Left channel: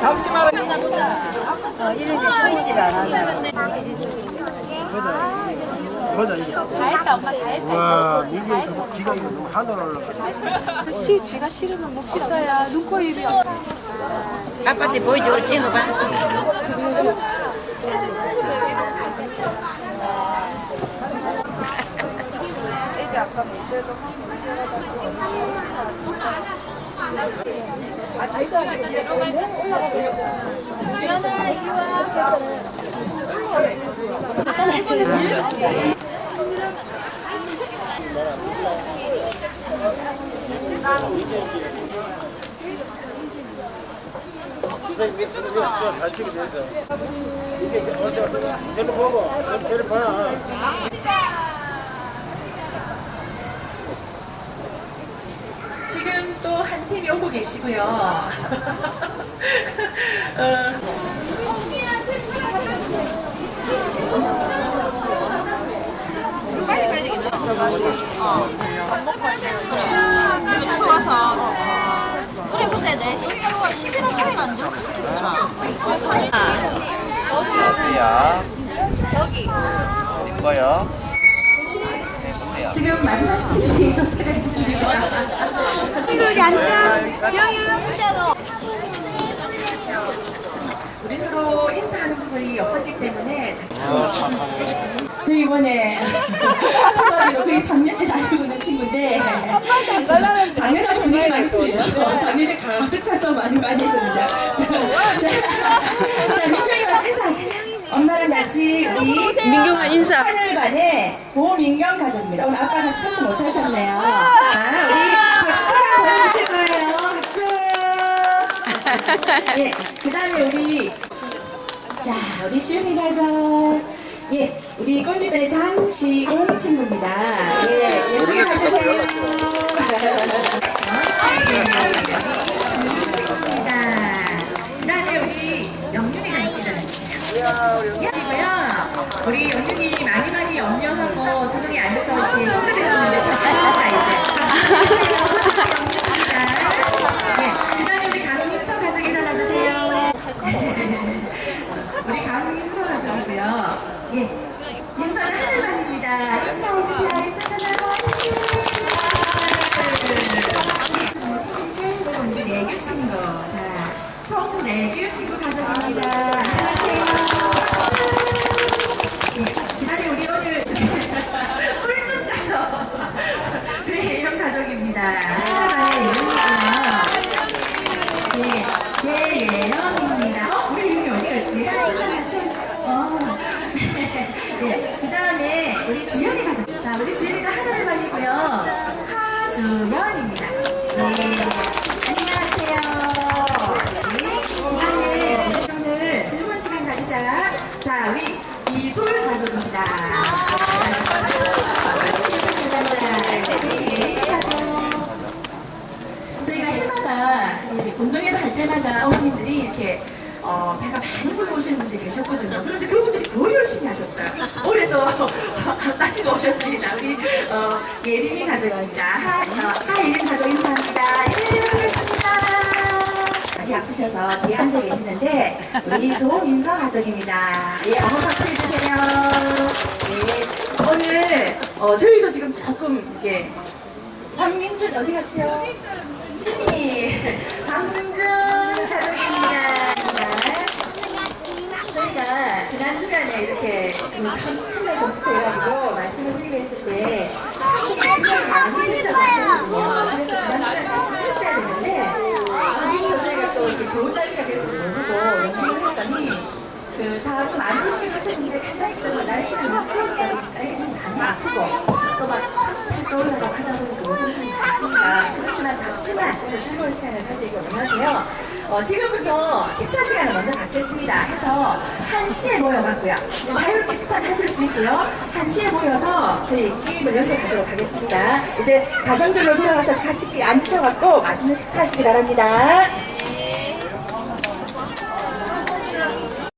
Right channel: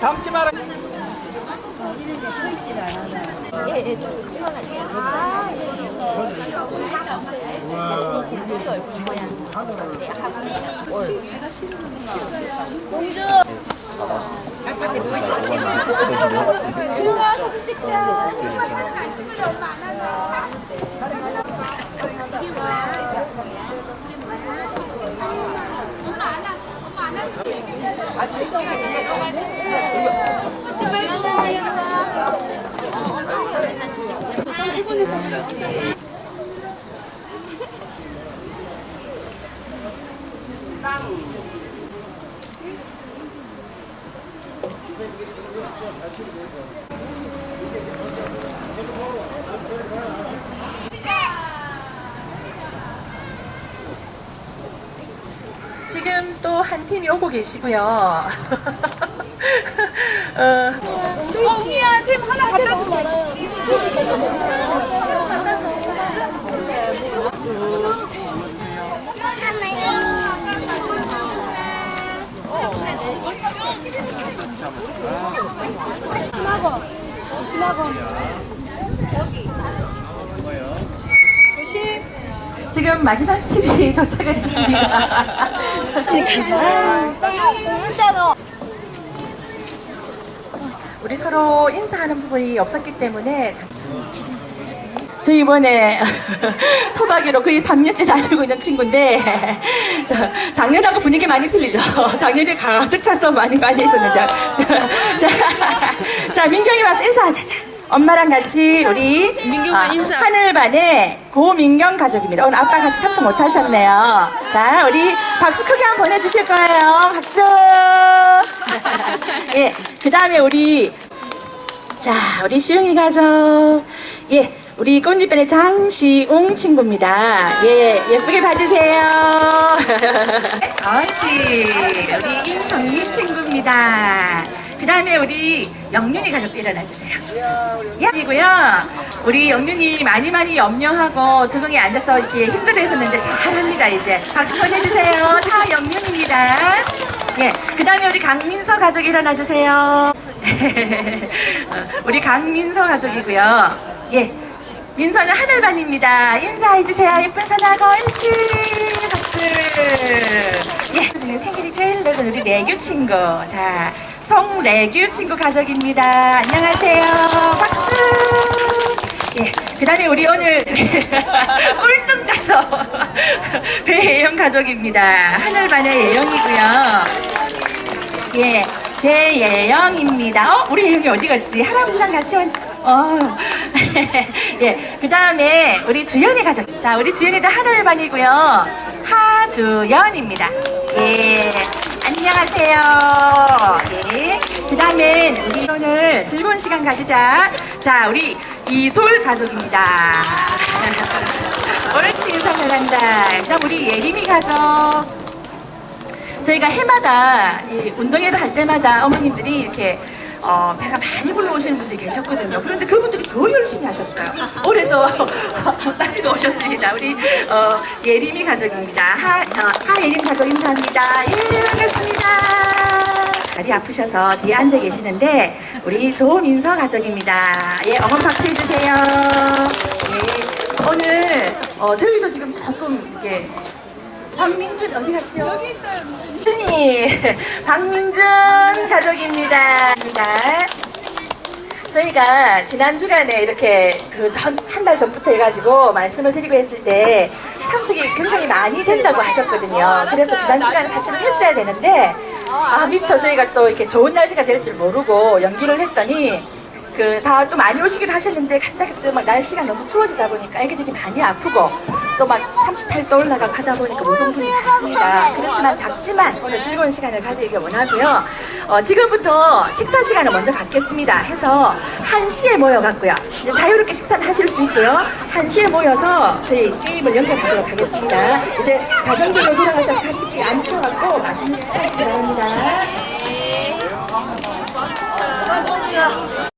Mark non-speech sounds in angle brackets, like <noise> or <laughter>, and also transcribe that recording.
그 담지 마라. 이런데 서 있지를 않아. 보자 이게. 와 이게 뭐 기가 이렇게 하늘을. 시, 지가 싫으면 못 찍어야 눈코입 아빠한테 보여줘. 이렇게 저를 보고 저를 봐. 지금 또 한 팀이 오고 계시고요. <laughs> 어, 어디야? 이거요. 지금 마지막 팀이 <laughs> 도착했습니다. 우리 서로 인사하는 부분이 없었기 때문에 저 이번에 <laughs> 토박이로 거의 3년째 다니고 있는 친구인데 자, <laughs> 작년하고 분위기 많이 틀리죠. 작년에 가득 차서 많이 많이 했었는데 자, 자 민경이 와서 인사하자. 자. 엄마랑 같이 우리 민경아 인사 하늘반의 고민경 가족입니다. 오늘 아빠 같이 참석 못 하셨네요. 자 우리 박수 크게 한번 보내주실 거예요. 박수. <laughs> 예, 그 다음에 우리 자, 우리 시웅이 가족. 예, 우리 꽃잎변의 장시웅 친구입니다. 예, 예쁘게 봐주세요. 옳지. 우리 임성희 친구입니다. 그 다음에 우리 영윤이 가족 일어나주세요. 예, 이고요. 우리 영윤이 많이 많이 염려하고 적응이 안 돼서 이렇게 힘들어 했었는데 잘합니다, 이제. 박수 쳐주세요. 다 영윤입니다. 예, 그 다음에 우리 강민서 가족 일어나주세요. <laughs> 우리 강민서 가족이고요. 예. 민서는 하늘반입니다. 인사해주세요. 예쁜 사나고 옳지. 박수. 예. 생일이 제일 늦은 우리 레규 친구. 자, 송레규 친구 가족입니다. 안녕하세요. 박수. 예. 그 다음에 우리 오늘 <laughs> 꿀등 가족. <laughs> 배예영 가족입니다. 하늘반의 예영이고요. 예, 배예영입니다. 어, 우리 예영이 어디 갔지? 할아버지랑 같이 온, 어. <laughs> 예, 그 다음에 우리 주연이 가족. 자, 우리 주연이도 하늘반이고요. 하주연입니다. 예, 안녕하세요. 예, 그 다음에 우리 오늘 즐거운 가지자. 자, 우리 이솔 가족입니다. 옳지, 인사 잘한다. 그 다음 우리 예림이 가족. 저희가 해마다 이 운동회를 할 때마다 어머님들이 이렇게 어, 배가 많이 불러오시는 분들이 계셨거든요. 그런데 그분들이 더 열심히 하셨어요. 올해도 <laughs> 빠지고 오셨습니다. 우리 어, 예림이 가족입니다. 하, 어, 하예림 가족 인사합니다. 예. 다리 아프셔서 뒤에 앉아 계시는데 우리 조민서 가족입니다. 예, 어머 박수 해주세요. 예, 오늘 어, 저희도 지금 조금 이게 박민준 어디 갔죠? 민준이 <laughs> 박민준 가족입니다. 네. 저희가 지난 주간에 이렇게 그 한 달 전부터 해가지고 말씀을 드리고 했을 때 참석이 굉장히 많이 된다고 하셨거든요. 그래서 지난 주간에 사실 했어야 되는데 아 미처 저희가 또 이렇게 좋은 날씨가 될 줄 모르고 연기를 했더니 그 많이 오시긴 하셨는데 갑자기 또막 날씨가 너무 추워지다 보니까 애기들이 많이 아프고 또 막 38도 올라가고 하다 보니까 무동분이 많습니다. 그렇지만 작지만 오늘 즐거운 시간을 가지기 원하고요. 어, 지금부터 식사 시간을 먼저 갖겠습니다. 해서 1시에 모여갖고요. 이제 자유롭게 식사를 하실 수 있고요. 1시에 모여서 저희 게임을 연결하도록 하겠습니다. 이제 가정들로 돌아가서 같이 앉으셔갖고 맛있는 식사하시기 바랍니다.